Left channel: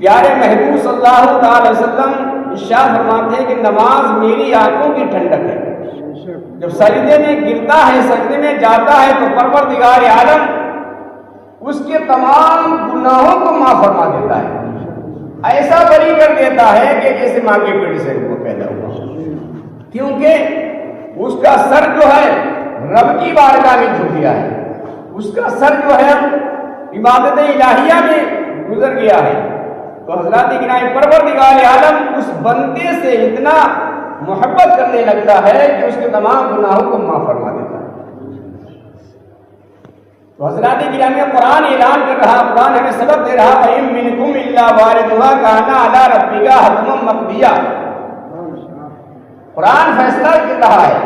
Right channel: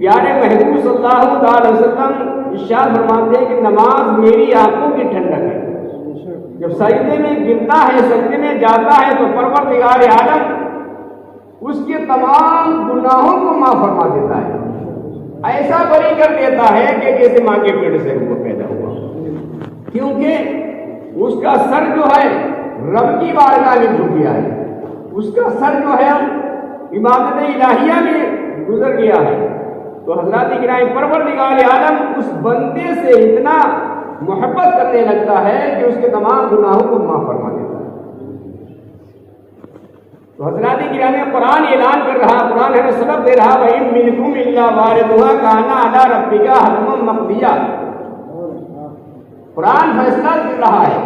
پیارے محبوب صلی اللہ علیہ وسلم ارشاد فرماتے ہیں کہ نماز میری آنکھوں کی ٹھنڈک ہے. جب سجدے میں گرتا ہے، سجدے میں جاتا ہے تو پروردگار عالم اس کے تمام گناہوں کو معاف فرما دیتا ہے. ایسا بری کر دیتا ہے کہ جیسے ماں کے پیٹ سے وہ پیدا ہوا، کیونکہ اس کا سر جو ہے رب کی بارگاہ میں جھک گیا ہے، اس کا سر جو ہے عبادت الہیہ میں گزر گیا ہے. تو حضرات گرامی پروردگار عالم اس بندے سے اتنا محبت کرنے لگتا ہے کہ اس کے تمام گناہوں کو معاف فرما دیتا ہے. تو حضرات گرامی قرآن اعلان کر رہا، قرآن ہمیں سبق دے رہا وَإِن مِّنكُمْ إِلَّا وَارِدُهَا كَانَ عَلَىٰ رَبِّكَ حَتْمًا مَّقْضِيًّا. قرآن فیصلہ کر رہا ہے،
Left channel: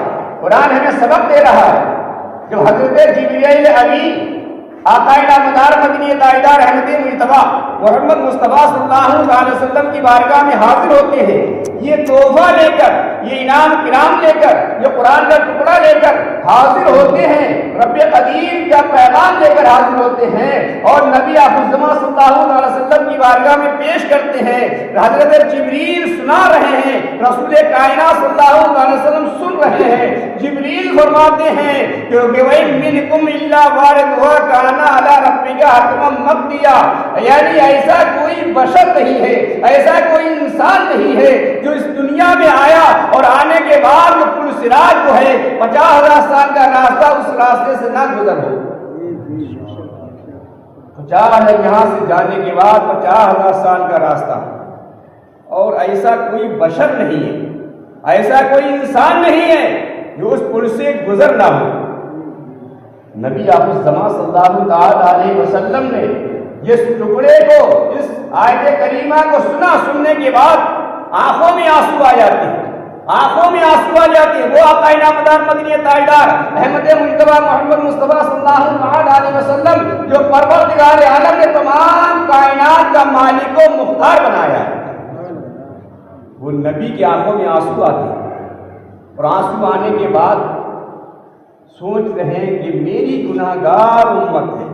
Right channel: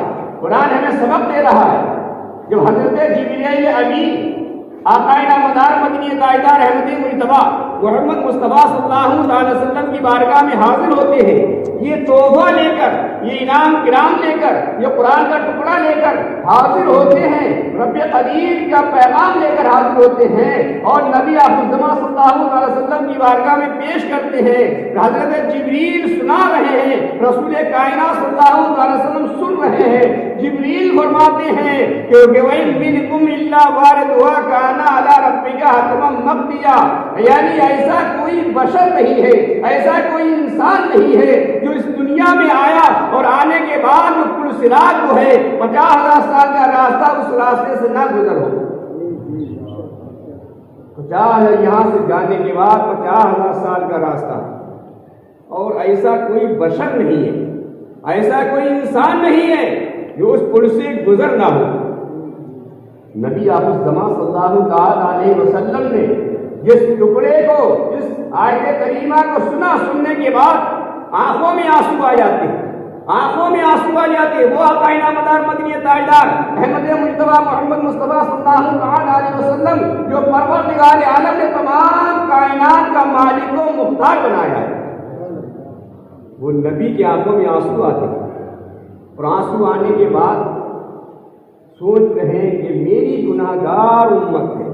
قرآن ہمیں سبق دے رہا ہے. جب حضرت جبریل امین آقائے نامدار مدنی تاجدار احمد مجتبیٰ محمد مصطفیٰ صلی اللہ علیہ وسلم کی بارگاہ میں حاضر ہوتے ہیں، یہ تحفہ لے کر، یہ انعام کرام لے کر، یہ قرآن کا ٹکڑا لے کر حاضر ہوتے ہیں، رب قدیر کا پیغام لے کر حاضر ہوتے ہیں اور نبی الزمان صلی اللہ علیہ وسلم کی بارگاہ میں پیش کرتے ہیں. حضرت جبریل سنا رہے ہیں، رسول کائنات صلی اللہ علیہ وسلم سن رہے ہیں. جبریل فرماتے ہیں کہ وَإِن مِّنكُمْ إِلَّا وَارِدُهَا كَانَ عَلَىٰ رَبِّكَ حَتْمًا مَّقْضِيًّا. یعنی ایسا کوئی بشر نہیں ہے، ایسا کوئی انسان نہیں ہے جو اس دنیا میں آیا اور آنے کے بعد وہ پل صراط جو ہے 50,000 سال کا راستہ اس راستے سے نہ گزر ہو. 50,000 یہاں سے جانے کے بعد 50,000 سال کا راستہ، اور ایسا کوئی بشر نہیں ہے، ایسا کوئی انسان نہیں ہے جو اس پل سے گزر نہ ہو. نبی الزمان صلی اللہ علیہ وسلم نے جس ٹکڑے کو، اس آیت کریمہ کو سننے کے بعد آنکھوں میں آنسو آ جاتے ہیں، آنکھوں میں آنسو آ جاتے ہیں. وہ آقائے نامدار مدنی تاجدار احمد مجتبیٰ محمد مصطفیٰ صلی اللہ علیہ وسلم جو پروردگار عالم نے تمام کائنات کا مالک و مختار بنایا ہے، وہ نبی کی آنکھوں میں آنسو آتے ہیں. اور آنسو آنے کے بعد سوچ رہے ہیں کہ میری گناہگار امت ہے،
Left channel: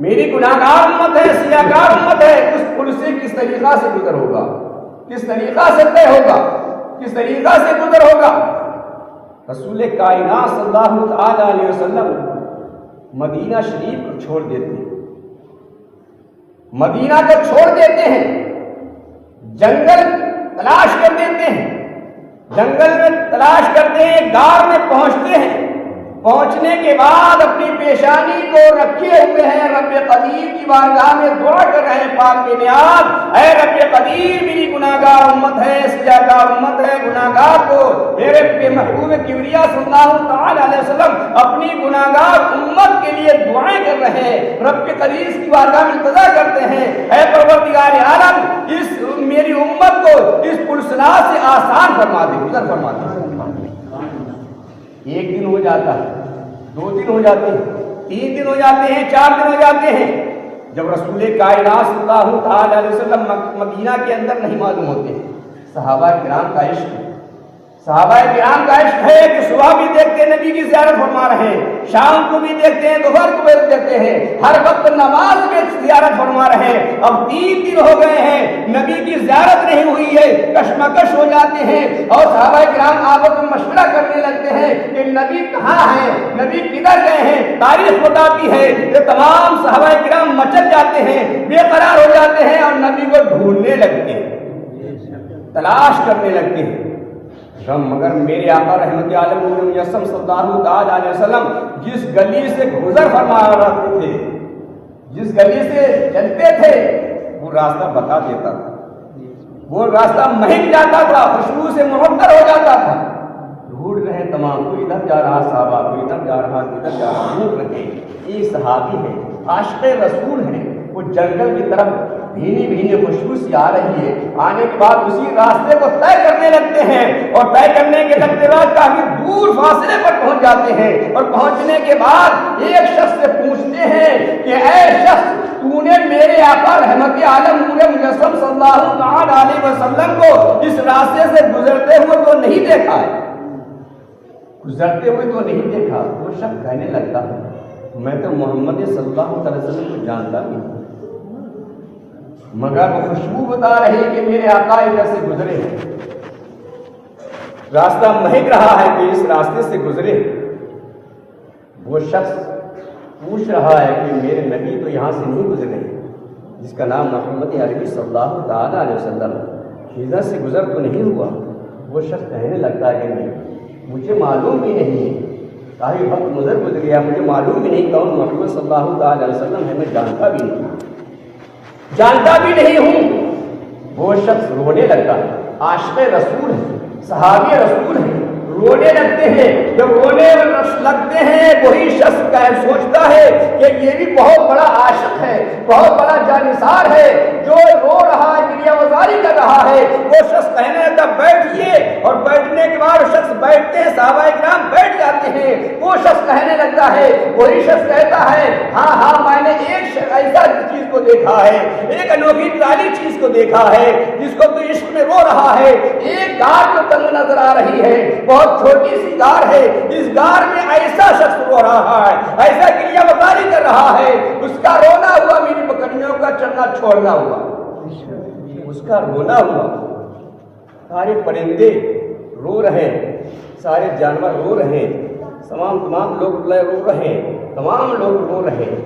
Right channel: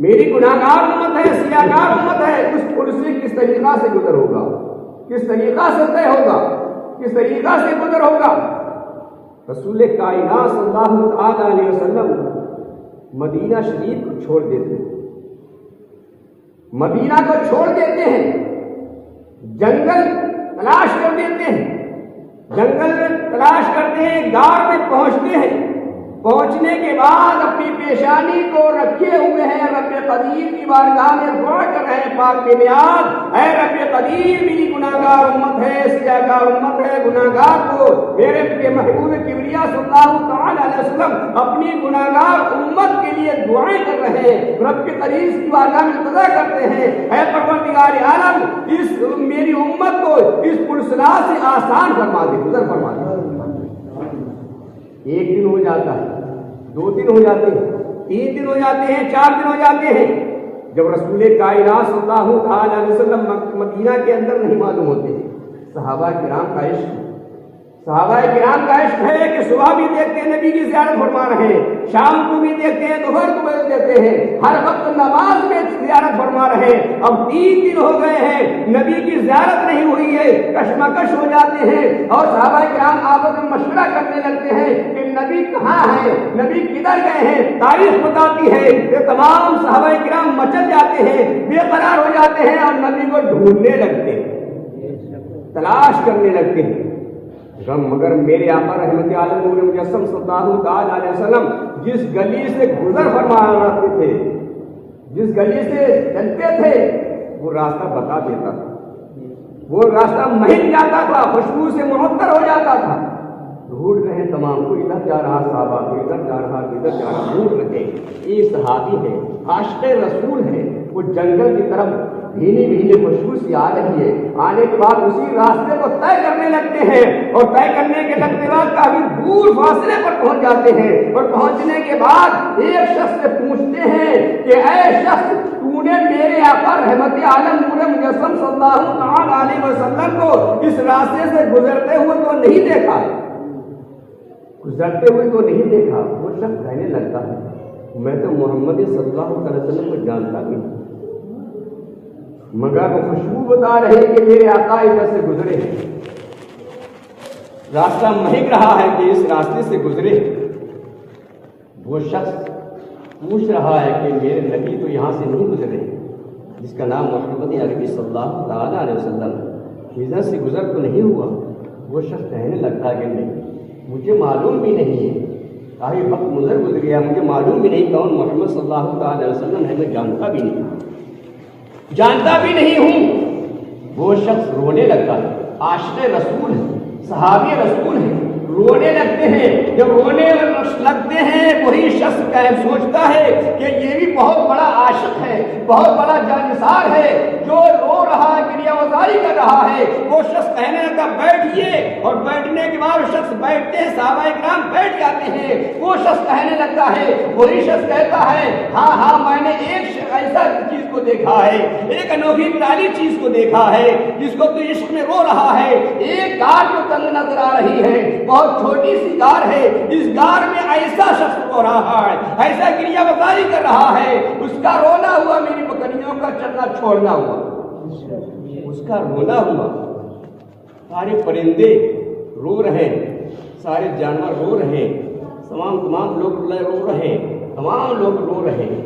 میری گناہگار امت ہے، سیاہگار امت ہے. اس پل سے کس طریقہ سے گزر ہوگا، کس طریقہ سے طے ہوگا، کس طریقہ سے گزر ہوگا. رسول کائنات صلی اللہ علیہ وسلم مدینہ شریف کو چھوڑ دیتے ہیں، مدینہ کو چھوڑ دیتے ہیں، جنگل تلاش کر دیتے ہیں، جنگل میں تلاش کرتے ہیں، غار میں پہنچتے ہیں. پہنچنے کے بعد اپنی پیشانی کو رکھے ہوئے ہیں، رب قدیر کی بارگاہ میں دعا کر رہے ہیں، پاک بے نیاز اے رب قدیر میری گناہگار امت ہے، سیاہگار امت ہے، گناہگار کو میرے محبوب کبریا صلی اللہ علیہ وسلم اپنی گناہگار امت کے لیے دعائیں کر رہے ہیں، رب قدیر کی بارگاہ میں التجا کرتے ہیں اے پروردگار عالم اس میری امت کو اس پلسنا سے آسان فرما دے، گزر فرما دے. ایک دن ہو جاتا ہے، 2 دن ہو جاتے ہیں، 3 دن ہو جاتے ہیں، 4 دن ہو جاتے ہیں. جب رسول کائنات صلی اللہ علیہ وسلم مدینہ کے اندر نہیں معلوم ہوتے. صحابہ کرام کا عشق، صحابہ کرام کا عشق ہے کہ صبح بھی دیکھتے ہیں نبی کی زیارت فرما رہے ہیں، شام کو بھی دیکھتے ہیں، دوپہر کو بھی دیکھتے ہیں، ہر وقت نماز میں زیارت فرما رہے ہیں. اب 3 دن ہو گئے ہیں، نبی کی زیارت نہیں ہوئی ہے، کشمکش ہو جاتے ہیں اور صحابہ کرام آپس میں مشورہ کرنے لگتے ہیں کہ نبی کہاں ہیں، نبی کدھر گئے ہیں. تاریخ بتاتی ہے کہ تمام صحابہ کرام مچل جاتے ہیں، بے قرار ہو جاتے ہیں اور نبی کو ڈھونڈنے لگتے ہیں، تلاش کرنے لگتے ہیں. مگر میرے آقا رحمت عالم نور مجسم صلی اللہ علیہ وسلم جس گلی سے گزر فرما رہے تھے، جس گلی سے چلتے تھے وہ راستہ بتا دیتا تھا، وہ راستہ مہک جاتا تھا، خوشبو سے معطر ہو جاتا تھا. ڈھونڈ رہے تمام، کوئی ادھر جا رہا صحابہ، کوئی ادھر جا رہا، ادھر جا رہا، ڈھونڈ رہے. یہ صحابی ہے، عاشق رسول ہے، وہ جنگل کی طرف بھینی بھینی خوشبو سی آ رہی ہے. آنے کے بعد اسی راستے کو طے کرنے لگتے ہیں اور طے کرنے کے لگتے بعد کافی دور فاصلے پر پہنچ جاتے ہیں. اور پہنچنے کے بعد ایک شخص سے پوچھتے ہیں کہ اے شخص تو نے میرے آقا رحمت عالم نور مجسم صلی اللہ علیہ وسلم کو اس راستے سے گزرتے ہوئے تو نہیں دیکھا ہے، گزرتے ہوئے تو نہیں دیکھا. وہ شخص کہنے لگتا ہے میں تو محمد صلی اللہ علیہ وسلم کو جانتا نہیں. مگر خوشبو بتا رہے کہ میرے آقا ادھر سے گزرے، راستہ مہک رہا ہے کہ اس راستے سے گزرے۔ وہ شخص پوچھ رہا ہے کہ میرے نبی تو یہاں سے نہیں گزرے، جس کا نام محمد عربی صلی اللہ تعالیٰ علیہ وسلم، ادھر سے گزر تو نہیں ہوا۔ وہ شخص کہنے لگتا ہے کہ نہیں، مجھے معلوم بھی نہیں ہے، کافی وقت گزر گیا، مجھے معلوم بھی نہیں کون محمد صلی اللہ تعالیٰ علیہ وسلم ہے، میں جانتا بھی نہیں ہوں۔ وہ شخص رونے لگتا، عاشق رسول ہے، صحابی رسول ہے، رونے لگتے ہیں۔ جب رونے لگتے ہیں وہی شخص سوچتا ہے کہ یہ بھی بہت بڑا عاشق ہے، بہت بڑا جانثار ہے، جو رو رہا ہے، گریہ وزاری کر رہا ہے۔ وہ شخص کہنے لگتا بیٹھیے، اور بیٹھنے کے بعد شخص بیٹھتے ہیں، صحابہ کرام بیٹھ جاتے ہیں۔ وہ شخص کہنے لگتا ہے، وہی شخص کہتا ہے ہاں میں نے ایک ایسا چیز کو دیکھا ہے، ایک انوکھی پیاری چیز کو دیکھا ہے، جس کو تو عشق میں رو رہا ہے۔ ایک گار جو تنگ نظر آ رہی ہے، بہت چھوٹی سی گار ہے، اس گار میں ایسا شخص رو رہا ہے، ایسا گریہ وزاری کر رہا ہے، اس کا رونا ہوا میری بکریوں کا چلنا چھوڑنا ہوا، اس کا رونا ہوا۔ سارے پرندے رو رہے ہیں، سارے جانور رو رہے ہیں، تمام لوگ رو رہے ہیں، تمام لوگ رو رہے ہیں،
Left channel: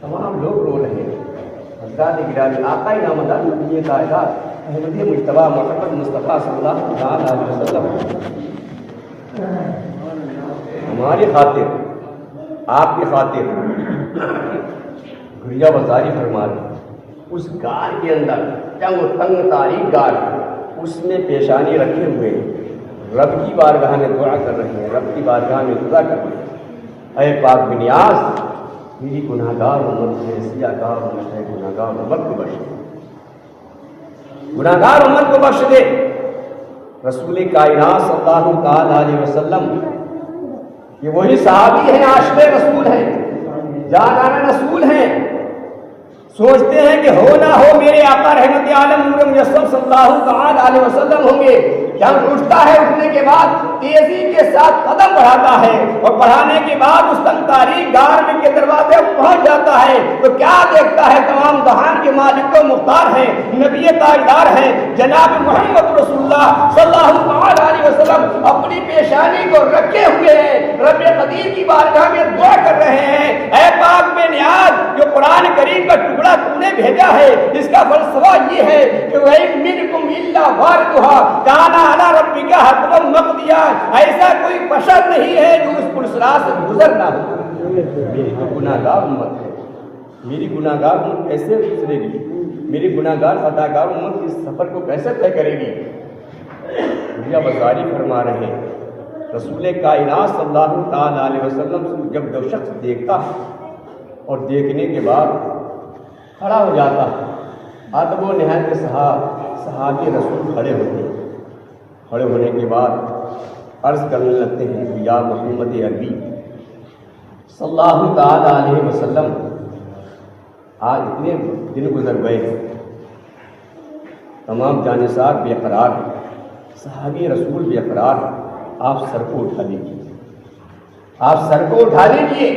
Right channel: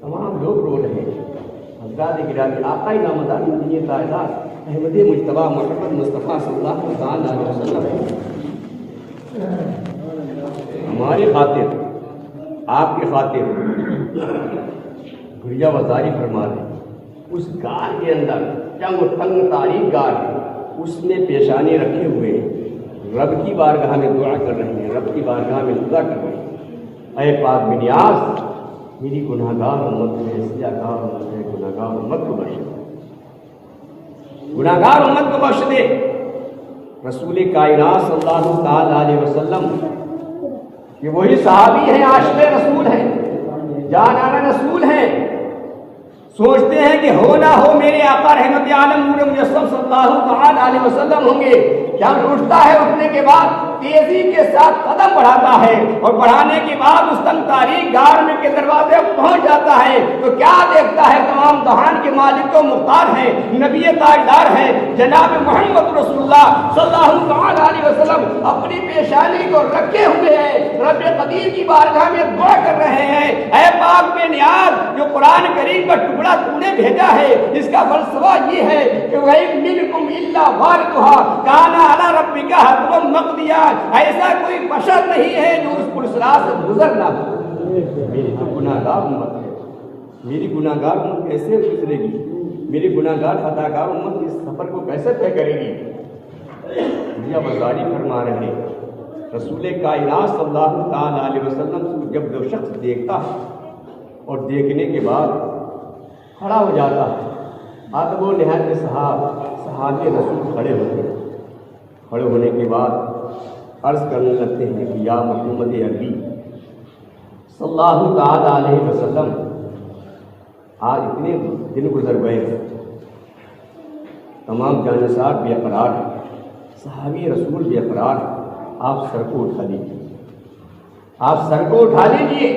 تمام لوگ رو رہے ہیں۔ حضرات گرامی، آقا نامدار مدینہ طاہرہ احمد مجتبیٰ محمد مصطفیٰ صلی اللہ علیہ وسلم ہماری خاطر، آپ کی خاطر گریہ وزاری فرما رہے۔ اس گار کے اندر تنگ تاریک گار، اس نے پیشانی رکھے ہوئے رب کی بارگاہ میں دعا کر رہے ہیں، رب کی بارگاہ میں دعا کر رہے ہیں، اے پاک بنیاز میری گناہگار امت، میرے سیاہگار امت ہے، گناہگار امت کو بخش دے، گناہگار امت کو بخش دے۔ رسول کائنات صلی اللہ تعالیٰ علیہ وسلم یہ وہی صحابی ہیں، عاشق رسول ہیں، جانانہ رسول ہیں، سوچتے ہیں کہ ہو نہ ہو میرے آقا رحمت عالم نور مجسم صلی اللہ تعالیٰ علیہ وسلم ہوں گے۔ جب اٹھتا ہے، اٹھنے کے بعد تیزی کے ساتھ قدم بڑھاتا ہے، اور بڑھانے کے بعد اس تنگ تاریک گار میں کے دروازے پہنچ جاتا ہے تو کیا دیکھتا ہے؟ تمام جہان کے مالک و مختار ہیں، نبی تاجدار ہیں، جناب محمد رسول اللہ صلی اللہ تعالیٰ علیہ وسلم اپنی پیشانی کو رکھے ہوئے ہیں، رب قدیر کی بارگاہ میں دعا کر رہے ہیں، اے پاک بے نیاز جو قرآن کریم کا ٹکڑا تو نے بھیجا ہے، اس کا فلسفہ یہ ہے کہ وَإِن مِّنكُمْ إِلَّا وَارِدُهَا كَانَ عَلَىٰ رَبِّكَ حَتْمًا مَّقْضِيًّا۔ ایسا کوئی بشر نہیں ہے جو اس پرسرات سے گزر نہ ہو۔ میری گناہگار امت ہے، میری گناہگار امت کیسے گزرے گی؟ میری گناہگار خطاکار امت اس سفر کو کیسے طے کرے گی؟ یہ وزاری فرما رہے ہیں۔ رسول کائنات صلی اللہ تعالیٰ علیہ وسلم جب جو شخص دیکھتا اور دیکھنے کے بعد کھڑا ہو جاتا، ادب و نہایت صحابی رسول کھڑے ہوتے ہیں، کھڑے ہونے کے بعد عرض کرنے لگتے ہیں کہ یا محمد عربی صلی اللہ تعالیٰ علیہ وسلم، آج اتنے دن گزر گئے، تمام جانثار بے قرار، صحابی رسول بے قرار، آپ سر کو اٹھا لیجیے، آپ سر کو اٹھا لیجیے،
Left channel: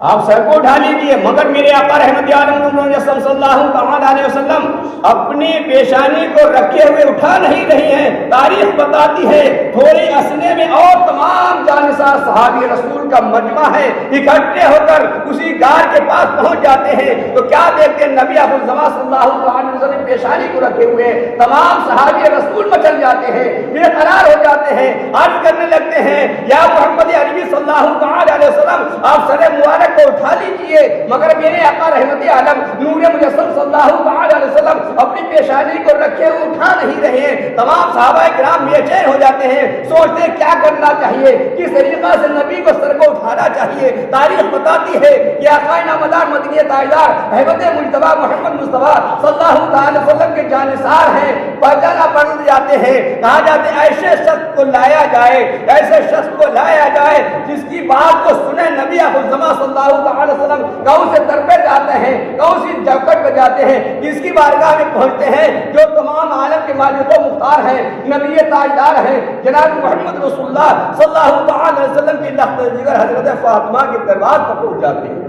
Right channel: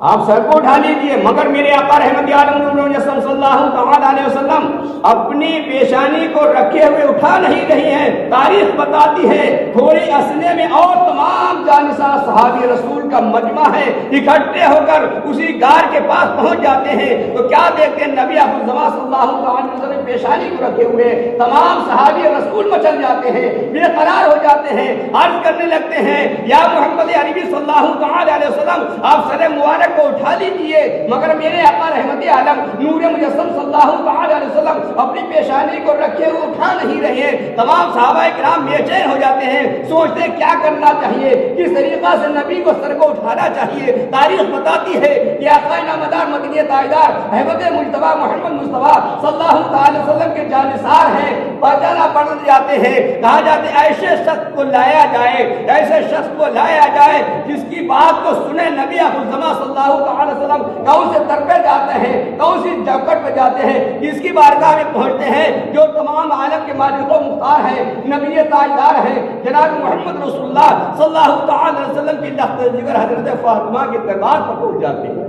آپ سر کو اٹھا لیجیے۔ مگر میرے آقا رحمت عالم صلی اللہ تعالیٰ علیہ وسلم اپنی پیشانی کو رکھے ہوئے اٹھا نہیں رہی ہیں۔ تاریخ بتاتی ہے تھوڑے اسنے میں اور تمام جانثار صحابی رسول کا مجمع ہے، اکٹھے ہو کر اسی غار کے پاس پہنچ جاتے ہیں تو کیا دیکھتے ہیں؟ نبی ابوالزمان صلی اللہ علیہ وسلم پیشانی کو رکھے ہوئے تمام صحابی رسول مچل جاتے ہیں، بے قرار ہو جاتے ہیں، عرض کرنے لگتے ہیں یا محمد عربی صلی اللہ تعالیٰ علیہ وسلم آپ سر مبارک کو اٹھا لیجیے۔ مگر میرے آقا رحمت عالم نور مجسم صلی اللہ تعالیٰ علیہ وسلم اپنی پیشانی کو رکھے ہوئے اٹھا نہیں رہے ہیں۔ تمام صحابہ کرام بے چین ہو جاتے ہیں، سوچتے ہیں کیا کرنا چاہیے، کس طریقہ سے نبی کو سر کو اٹھانا چاہیے۔ تاریخ بتاتی ہے کہ آقا نامدار مدینہ تاجدار احمد مجتبیٰ محمد مصطفیٰ صلی اللہ تعالی وسلم کے جانثار ہیں، پہچانا پڑ جاتے ہیں، کہا جاتے ہیں ایسے شخص کو لایا جائے، ایسے شخص کو لایا جائے جس کی بات کو سنے نبی ابوالزمان صلی اللہ تعالی وسلم کون سے در پہ جاتے ہیں، کون سی چوکٹ پہ جاتے ہیں، جس کی بارگاہ میں پہنچتے ہیں جو تمام عالم کے مالک و مختار ہیں، نبی تاجدار ہیں، جناب محمد رسول اللہ صلی اللہ تعالی وسلم کی لخت جگر حضرت فاطمہ کے دربار پر پہنچ جاتے ہیں۔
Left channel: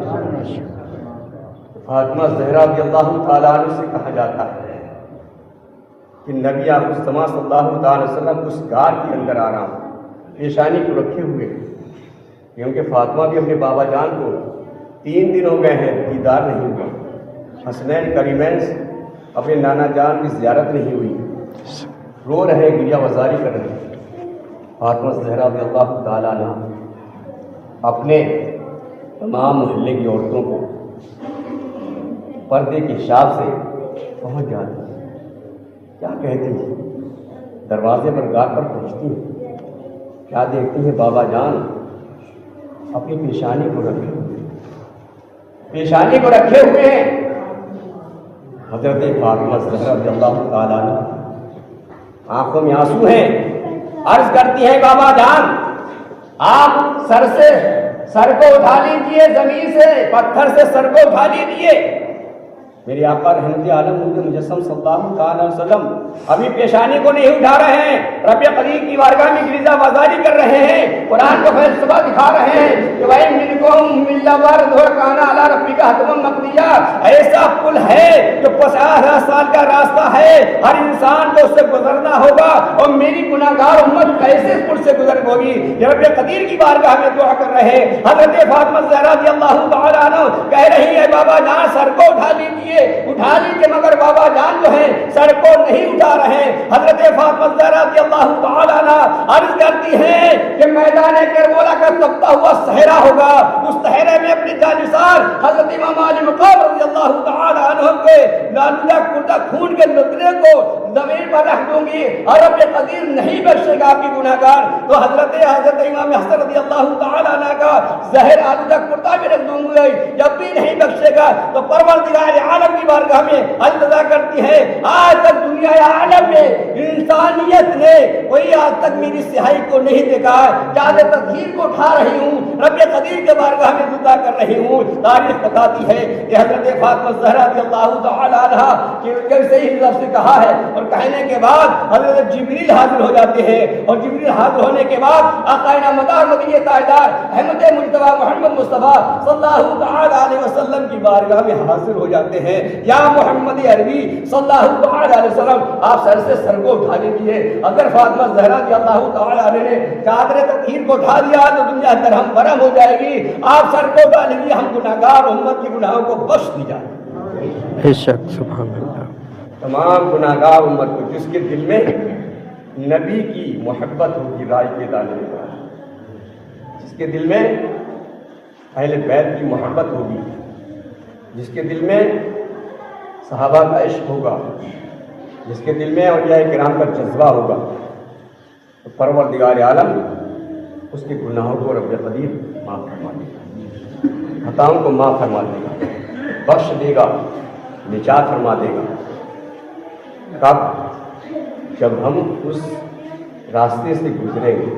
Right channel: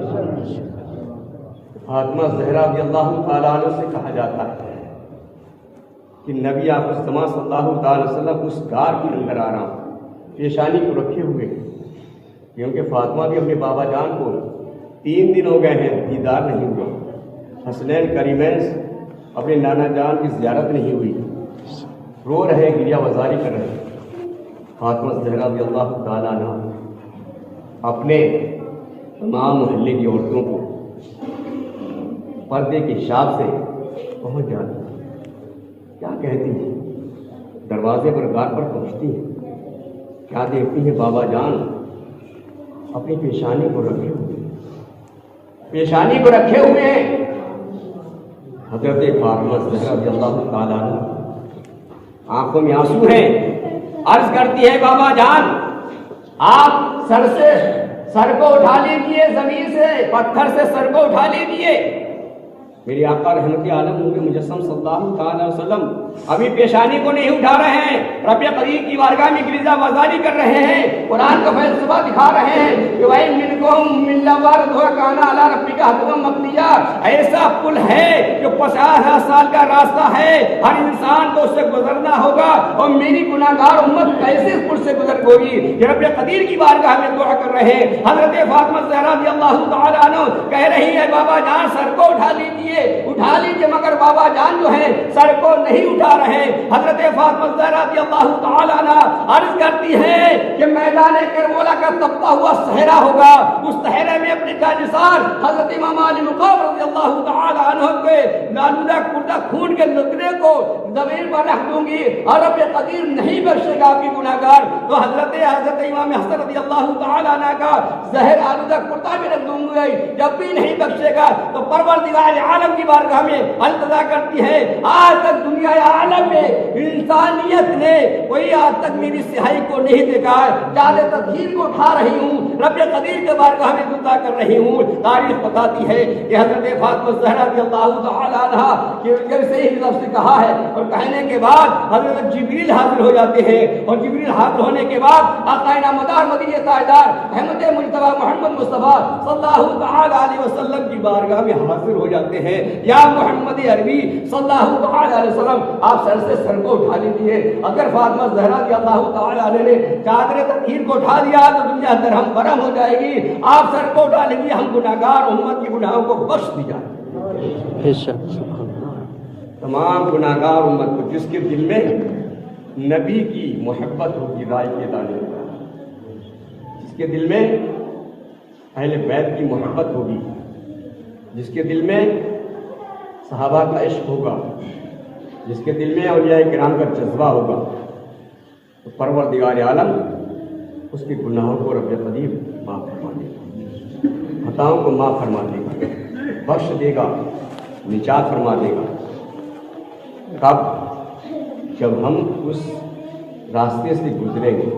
فاطمہ زہرا رضی اللہ تعالیٰ عنہ سے کہا جاتا ہے کہ نبی آخرالزماں صلی اللہ تعالی وسلم اس غار کے اندر آرام پیشانی کو رکھے ہوئے، کیونکہ فاطمہ بھی اپنے بابا جان کو 3 دن ہو گئے ہیں دیدار نہیں ہوا، حسنین کریمین اپنے نانا جان کی زیارت نہیں ہوئی، رو رہے ہیں، گریہ وزاری کر رہے ہیں۔ فاطمہ زہرا رضی اللہ تعالیٰ عنہ اپنے تمام محلے کی عورتوں کو پردے کے حساب سے پہنچ جاتی ہیں، کیا کہتی ہیں، دروازے پر غار پر پہنچتی ہیں، کیا دیکھتی ہیں، بابا جان اپنی پیشانی کو رکھے ہوئے، پیشانی کو رکھے ہوئے ہیں۔ حضرت فاطمہ زہرا رضی اللہ تعالیٰ عنہ آنکھوں میں آنسو ہیں، عرض کرتی ہے بابا جان آپ سر کو اٹھا لیجئے، زمین سے پتھر سے سر کو اٹھا لیجئے۔ میرے آقا رحمت عالم نور مجسم صلی اللہ تعالی وسلم ابھی پیشانی کو نہیں اٹھا رہے ہیں، رب قدیر کی بارگاہ میں گریزہ بازاری کر رہے ہیں، قرآن کا فلسفہ دکھا رہے ہیں کہ بھائی منکم ملا وارد کانا علی ربک حتما مقضیہ، ایسا پل ہے جو 50,000 سال کا راستہ ہے، ہر انسان کو اس سے گزرنا ہوگا، اور میری گناہگار امت کیسے اس پل سے گزر ہوگی؟ یہ رب قدیر کی بارگاہ میں دعا کر رہے ہیں۔ حضرت فاطمہ زہرا رضی اللہ تعالی عنہ کہہ رہی ہے بابا جان سر کو اٹھا لیجئے، مگر بابا جان جو ہیں سر کو نہیں اٹھا رہے۔ حضرت فاطمہ زہرا رضی اللہ تعالی عنہ عرض کرتی ہیں کہ میدان کربلا کا تپتا ہوا صحرا ہوگا، اس صحرے میں اپنی جانثار حضرت امام علی مقام رضی اللہ تعالی عنہ کے نالودہ کردہ خون کے لطرے کو زمین پر رکھ دوں گی، اور رب قدیر نہیں بخشے گا آپ کی گناہگار، تو حضرت امام حسن رضی اللہ تعالی عنہ کا زہر آلودہ کرتا بھی رکھ دوں گی، جب بھی نہیں بخشے گا تو پروردگار عالم کی بارگاہ میں التجا کرتی ہے۔ آج تک دنیا عالم میں انسانیت نے کوئی آج تک میری سہائی کو نہیں دیکھا، چاہے تدبیر کو اٹھا رہی ہوں، رب قدیر کے بارگاہ میں التجا کر رہی ہوں۔ تاریخ بتاتی ہے کہ حضرت فاطمہ زہرا رضی اللہ تعالی عنہا کہ جب صحیح لفظ سے کہا ہے، اور کہنے کے بعد حضرت جبریل حاضر ہو جاتے ہیں، اور جبریل حاضر ہونے کے بعد آقا نامدار مدینہ تاجدار احمد مجتبی محمد مصطفیٰ صلی اللہ تعالی علیہ وسلم کی بارگاہ میں حاضر ہو جاتے ہیں۔ یا محمد عربی صلی اللہ تعالی علیہ وسلم آپ سر کو اٹھا لیجیے۔ اگر فاطمہ زہرا رضی اللہ تعالی عنہ نے چادر تطہیر کو اٹھا دیا تو دنیا درہم برہم ہو جائے گی، آپ سر کو اٹھا لیجیے، ہم گناہگار امت کی گناہوں کو بخش دی جائے۔ بے شک، سبحان اللہ۔ تمام گناہگار امت کو جس کے دل میں نبی کی محبت ہوگی، رائے کے دانے کا، جس کے دل میں اہل بیت کی محبت ہوگی، جس کے دل میں صحابہ کا عشق ہوگا، جس کے دل میں اولیاء کرام کا جذبہ ہوگا، تو پروردگار عالم اس کے گناہوں کو رب قدیر معاف فرما دے گا، خطاؤں کو معاف فرما دے گا، بخش دے گا، نجات فرما دے گا۔ کب؟ جب ہم اس راستے سے گزریں گے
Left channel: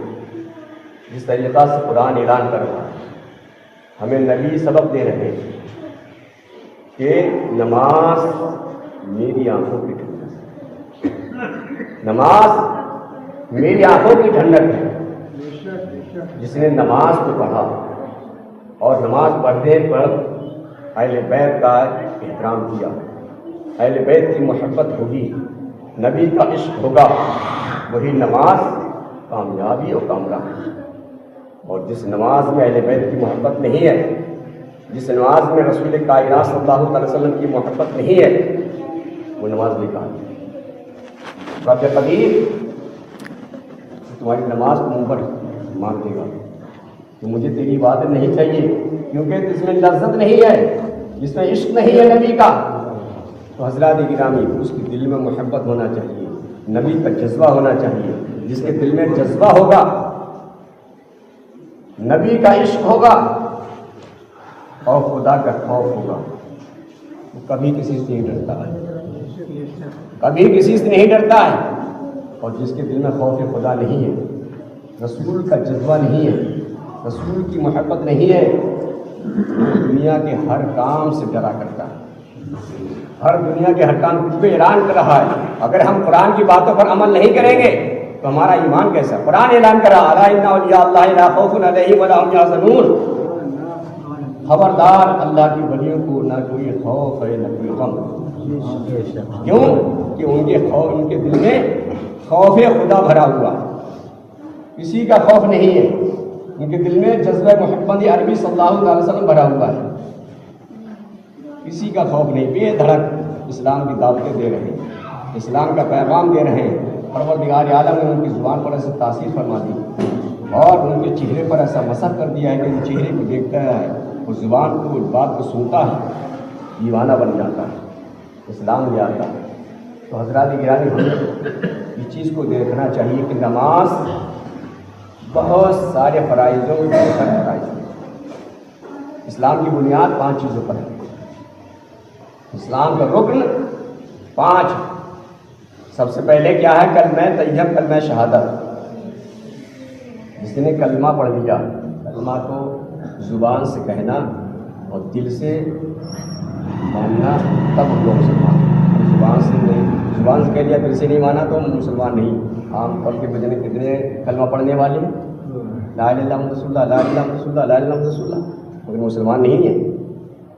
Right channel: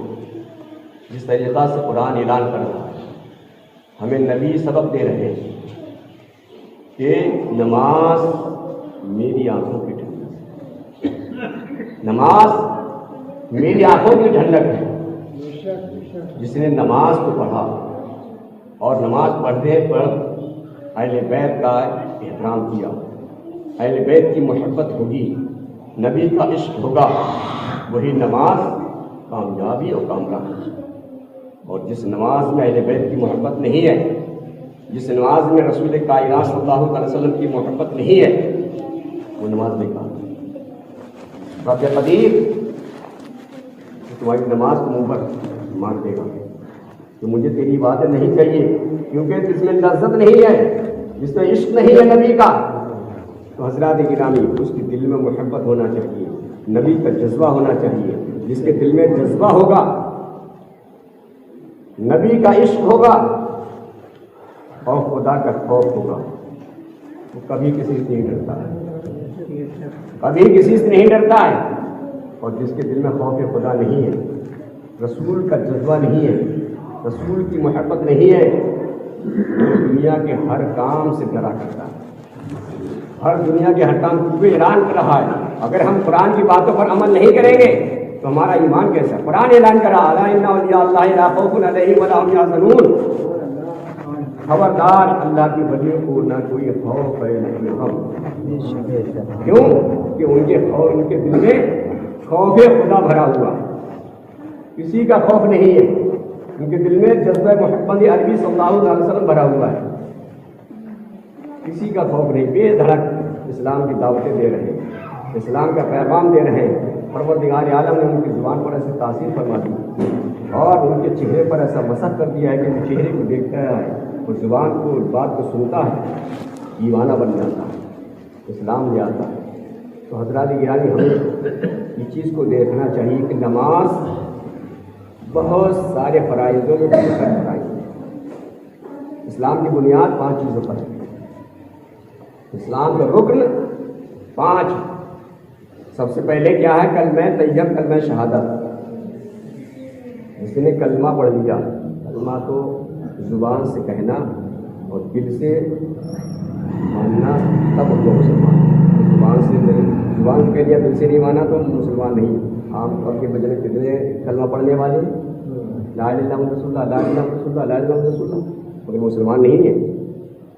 جس طریقہ سے قرآن اعلان کر رہا ہے، ہمیں نبی سبق دے رہے ہیں کہ نماز میری آنکھوں کی ٹھنڈک ہے، نماز میری آنکھوں کی ٹھنڈک ہے۔ جس نے نماز کو پڑھا اور نماز پڑھنے پر اہل بیت کا احترام کیا، اہل بیت کی محبت ہوگی، نبی کا عشق ہوگا، وہی نماز کامیابی اور کامرانی۔ اور جس نماز میں اہل بیت کی محبت نہیں ہے، جس نماز میں رسول کائنات صلی اللہ علیہ وسلم کی محبت نہیں ہے، وہ نماز بیکار ہے۔ رب قدیر تمہاری نماز کو منہ پر مان دے گا کہ مجھے تیری عبادت نہیں چاہیے، کیونکہ جس میں لذت نہیں ہے، جس میں عشق نہیں ہے نبی کا، تو حضرات گرامی اس کے دل میں محبت ہونا چاہیے، نبی کا جذبہ ہونا چاہیے۔ جس کے دل میں جذبہ ہوگا، نبی کا عشق ہوگا اور خدا کا خوف ہوگا، وہ کبھی کسی سے نہیں ڈرتا ہے، کبھی کسی سے نہیں ڈرتا ہے۔ اور جس کے دل میں خوف خدا نہیں ہے، رسول کا جذبہ نہیں ہے، رسول کی محبت نہیں ہے، وہ دنیا کے ہر کام سے ڈرا کرتا ہے، ہر دنیا کے ہر کام کو اعلان کر رہا ہے۔ اگر ہم قرآن کی باتوں پر عمل نہیں کریں گے تو ہمارا ایمان کیسا؟ قرآن اعلان کر رہا ہے الا ان اولیاء اللہ لا خوف علیہم ولا هم یحزنون، خبردار اللہ کی ولیوں کو نہ کوئی خوف ہے نہ کوئی غم. کیوں کہ ان کے دل میں خوف خدا بھرا ہوا، کسی کا خوف نہیں ہے. ان کے دل میں جذبہ محمد عربی صلی اللہ علیہ وسلم بھرا ہوا ہے، کسی کا خوف نہیں. بے دھڑک اسلام کی دعوتیں دے رہے ہیں، اسلام کا پیغام دے رہے ہیں. پروردگار عالم نے ان کی زبان پر ایسی تاثیر فرما دی اور ان کے چہرے پر ایسا مسح کر دیا ہے کہ ان چہرے کو دیکھتا ہے اور زبان کو بات کو سنتا ہے، دیوانہ بن جاتا ہے، اسلام لے آتا ہے. تو حضرات گرامی ہمیں اس چیز کو دیکھنا چاہیے کہ نماز بہت سارے فرائضوں میں بہت سارے فرائض ہیں. اسلام کی بنیاد 5 چیزوں پر ہے. اسلام کا رکن 5. سب سے پہلے کیا ہے؟ کلمہ طیب، کلمہ شہادت. جس نے کلمہ پڑھ لیا، کلمہ کو زبان سے کہنا اور دل سے ماننا، تب ہم لوگ مسلمان. زبان سے نہیں، زبان سے کہہ دیا دل سے نہیں مانا تو مسلمان نہیں. عام طور کے بجنے کتنے کلمہ پڑھنے والے ہیں، لا الہ الا اللہ محمد رسول اللہ، لا الہ الا اللہ رسول اللہ، لا الہ الا اللہ محمد رسول اللہ، مگر مسلمان نہیں ہیں،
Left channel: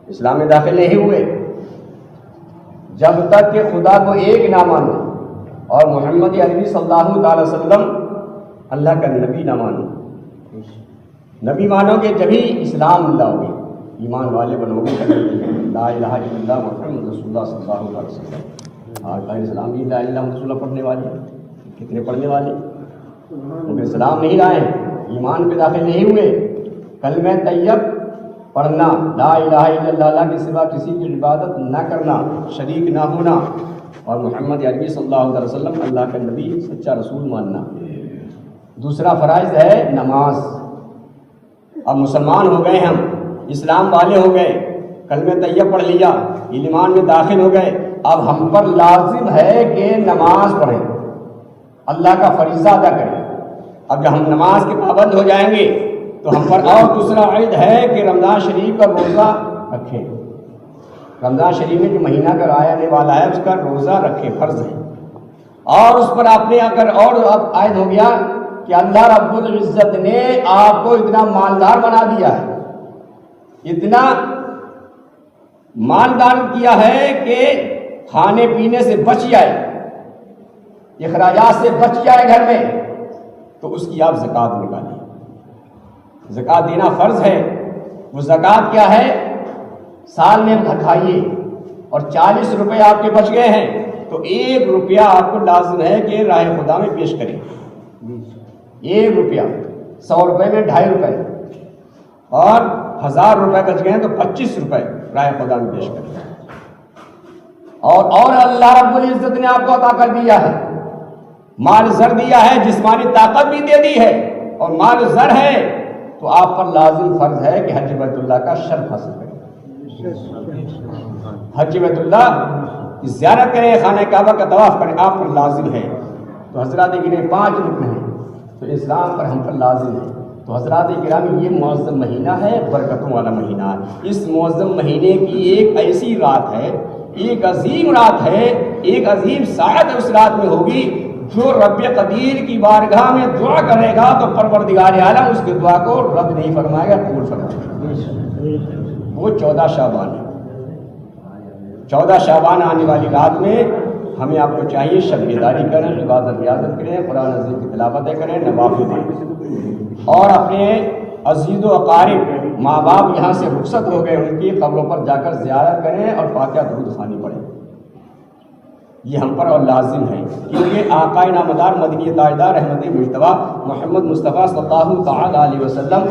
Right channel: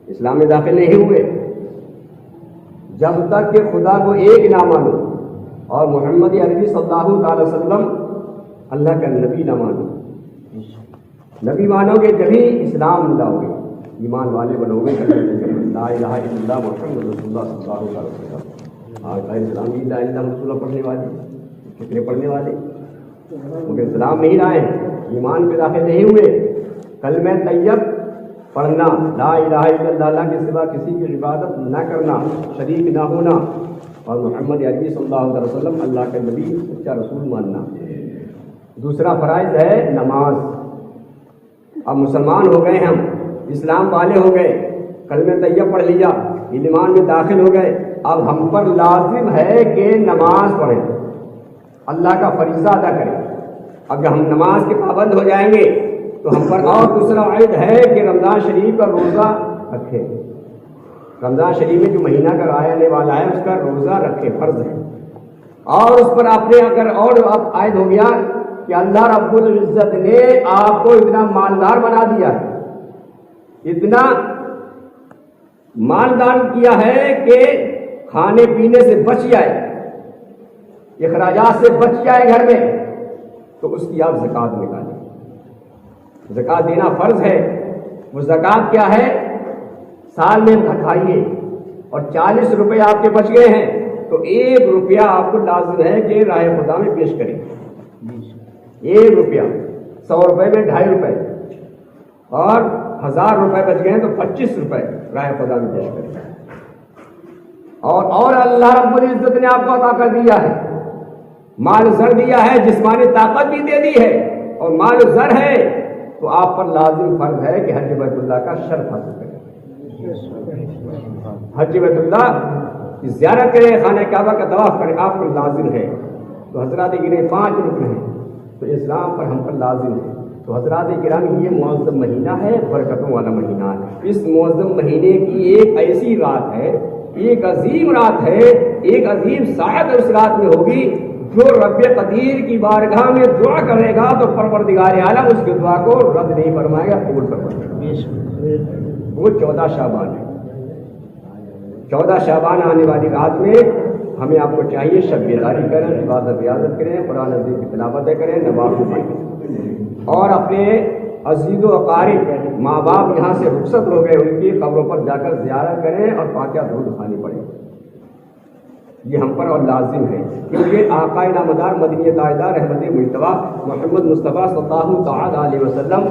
اسلام میں داخل نہیں ہوئے. جب تک کہ خدا کو ایک نہ مانو اور محمد عربی صلی اللہ تعالی وسلم اللہ کا نبی نہ مانو. نبی مانو گے جبھی اسلام لاؤ گے، ایمان والے بنو گے. لا الہ الا اللہ محمد رسول اللہ صلی اللہ علیہ وسلم. اور بھائی اسلام بھی لا الہ الا اللہ رسول اللہ پڑھنے والے کتنے پڑھنے والے، کیونکہ اسلام نہیں لائے، ایمان پہ داخل نہیں ہوئے. کلمہ طیب پڑھنا، لا الہ الا اللہ کے سوا کسی کی عبادت نہ کرنا، شریک نہ ہونا، اور محمد عربی صلی اللہ علیہ وسلم اللہ کے نبی سچا رسول ماننا. دوسرا فرائض ہے نماز. اب مسلمان ہو گئے، ہم اسلام والے ہو گئے، کلمہ طیب پڑھ لیا، ایمان میں داخل ہو گئے. اب ہم پر لازم ہے کہ نماز پڑھیں، اللہ کا فریضہ ادا کریں. اب جب ہم نماز کے پابند ہو جائیں گے تو ہم پر اور دوسرا عہد ہے کہ رمضان شریف کا روزہ رکھیں. رمضان شریف میں جو مہینہ کا آنے والا ہے اس کا روزہ رکھیں، فرض ہے. اور اس پر آپ نے اگر اور اب عائد ہو گیا کہ اللہ رب العزت نے آپ کو اتنا مالدار بنا دیا ہے، اتنا مالدار کیا ہے کہ کھانے پینے سے بچ جائے، اخراجات سے بچ جائے گھر میں، تو اس کی آپ زکوٰۃ نکالیں. زکوٰۃ دینا فرض ہے. وہ زکوٰۃ کیا ہے؟ سال میں کھائیے اور 40 روپے آپ کے بچ گئے ہیں تو 1 روپیہ آپ کو لازم ہے کہ راہ خدا میں پیش کریں. 1 روپیہ، 100 روپے میں 2.5 روپے، اور 1000 روپے بچ گئے ہیں تو 25 روپے راہ خدا میں پیش کریں. اور اللہ رب العزت نے آپ کو عطا کر دیا ہے، مال زر دیا ہے، جسمانی طاقت بھی دے دی ہے، اور مال زر ہے تو آپ پر لازم فرض ہے کہ حج بیت اللہ کا شرف حاصل کریں. حج بیت اللہ کی زیارت کریں، خانہ کعبہ کا طواف کریں، آپ پر لازم ہے. تو حضرات گرامی 5 رکن ہیں تو اسلام پر ہم پر لازم ہے. تو حضرات گرامی یہ معظم مہینہ ہے، برکتوں والا مہینہ. اس معظم مہینے کی ایک ایسی رات ہے، ایک عظیم رات ہے، ایک عظیم سعادت اس رات میں ہوگی. جو رب قدیر کی بارگاہ میں دعا کرے گا تو پروردگار عالم اس کی دعا کو رد نہیں فرمائے گا، قبول فرمائے گا. وہ 14 شعبان ہے. 14 شعبان آنے والی رات میں ہمیں آپ کو چاہیے شب بیداری کریں، عبادت ریاضت کریں، قرآن عظیم کی تلاوتیں کریں، نوافل دیں، اور اپنے عزیز و اقارب ماں باپ یہاں سے رخصت ہو گئے ان کی قبروں پر جا کر زیارت کریں اور فاتحہ درود خوانی پڑھیں. یہ ہم پر اور لازم ہے، کیونکہ آقا نامدار مدنی تاجدار رحمت مجتبیٰ محمد مصطفیٰ صلی اللہ تعالی علیہ وسلم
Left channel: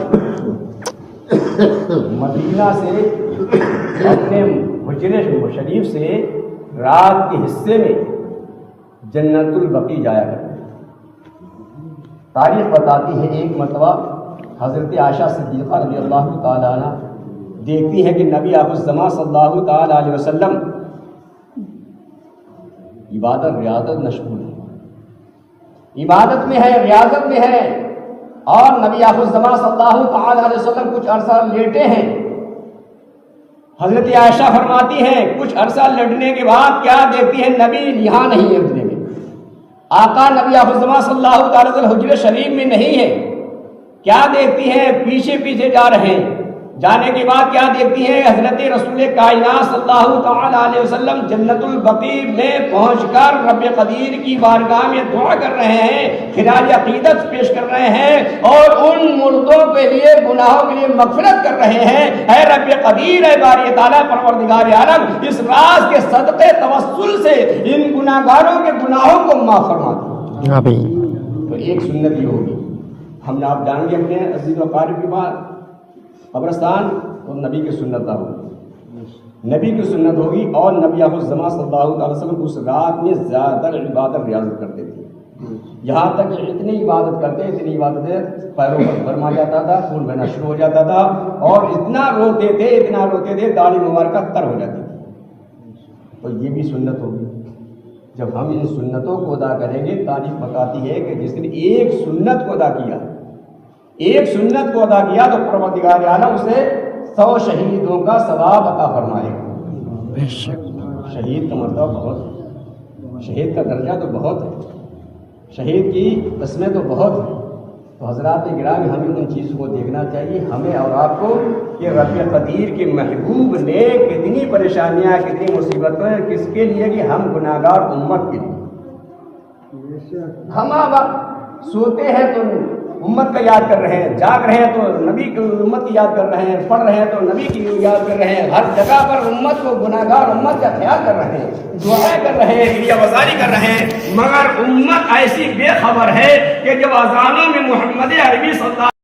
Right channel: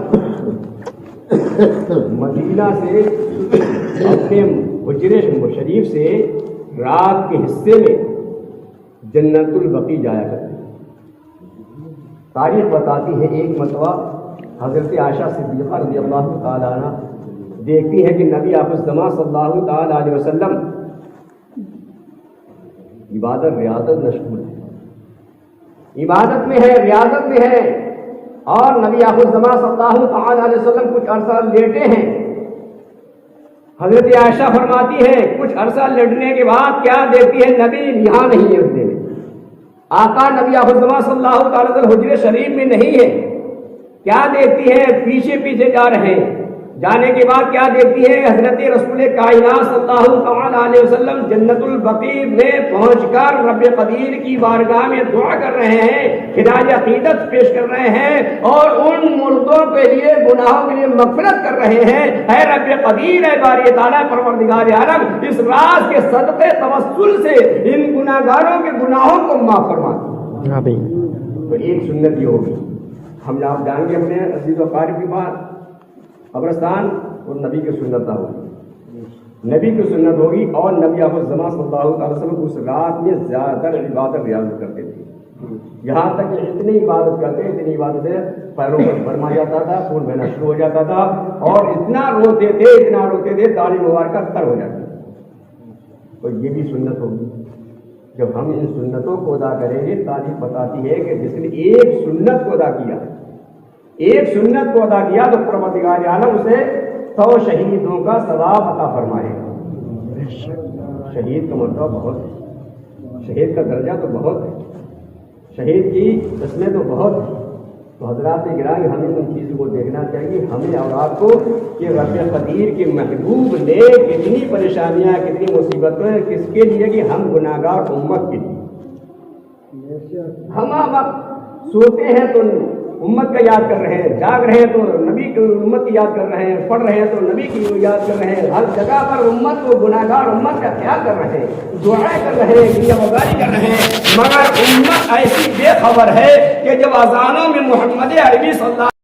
مدینہ سے اپنے حجرے شریف سے رات کے حصے میں جنت البقیع جایا کرتے. تاریخ بتاتی ہے ایک مرتبہ حضرت عائشہ صدیقہ رضی اللہ تعالیٰ عنہ دیکھتی ہے کہ نبی الزماں صلی اللہ تعالیٰ علیہ وسلم عبادت ریاضت مشغول ہے، عبادت میں ہے، ریاضت میں ہے، اور نبی الزماں صلی اللہ تعالیٰ علیہ وسلم کچھ عرصہ لیٹے ہیں. حضرت عائشہ فرماتی ہے کچھ عرصہ لیٹنے کے بعد کیا دیکھتی ہے؟ نبی یہاں نہیں ہے حجرے میں، آقا نبی الزماں صلی اللہ تعالیٰ علیہ وسلم حجرے شریف میں نہیں ہے. کیا دیکھتی ہے؟ پیچھے پیچھے جا رہے ہیں، جانے کے بعد کیا دیکھتی ہے؟ حضرت رسول کائنات صلی اللہ تعالی علیہ وسلم جنت البقیع میں پہنچ کر رب قدیر کی بارگاہ میں دعا کر رہے ہیں، خراج عقیدت پیش کر رہے ہیں اور ان مردوں کے لیے گناہوں کے لیے مغفرت کر رہے ہیں۔ اے رب قدیر، اے باری تعالیٰ پروردگار عالم، اس راز کے صدقے توسل سے ان گناہگاروں کے گناہوں کو معاف فرما دے۔ آمین۔ تو ایک سنت یہ ہوگی، ہم آپ جانیں گے اپنے عزیز و قارب کی بات، قبرستان اور نبی کی سنت ہوگی، نبی کی سنت ہوگی، اور نبی آخر الزمان صلی اللہ علیہ وسلم اس رات میں زیادہ عبادت ریاضت کرتے تھے، یہاں تک کہ اتنی عبادت کرتے، اتنی عبادتیں پیروں پر برما جاتا تھا، خون بہنا شروع ہو جاتا تھا، اور اتنا روتے تھے داڑھی مبارکہ تر ہو جاتی تھی۔ تو یہ بھی سنت ہوگی، جب ہم ان سنتوں کو ادا کریں گے، تاریخ بتاتی ہے کہ جس نے ایک سنت کو ادا کیا، ایک سنت کو ادا کیا، تو پروردگار عالم اسے 100 شہیدوں کا ثواب عطا فرمائے گا۔ شہید کا مرتبہ بہت ہے، شہید کا درجہ تو بہت ہے، شہید کی قسمیں تو بہت ہیں۔ تو حضرات گرامی، ہمیں ان چیزوں کو دیکھنا چاہیے، ہمیں اور آپ کو، کہ رب قدیر کے محبوب نے کتنی پریشانیاں، کتنی مصیبتیں کس کے لیے، کہ ہم گناہگار امت کے لیے۔ ہم اب سوتے ہیں تو امت کا یاد کر رہے ہیں، جاگ رہے ہیں تو نبی کی امت کی یاد کر رہے ہیں، پڑھ رہے ہیں تو نبی کی یاد کر رہے ہیں، ہر جگہ پر امت کو، گناہگار امت کا خیال کر رہے ہیں، دعائیں کر رہے ہیں، گریہ وزاری کر رہے ہیں، مگر امت ایسی بے خبر ہے کہ جب اذانوں میں محمد عربی صلی اللہ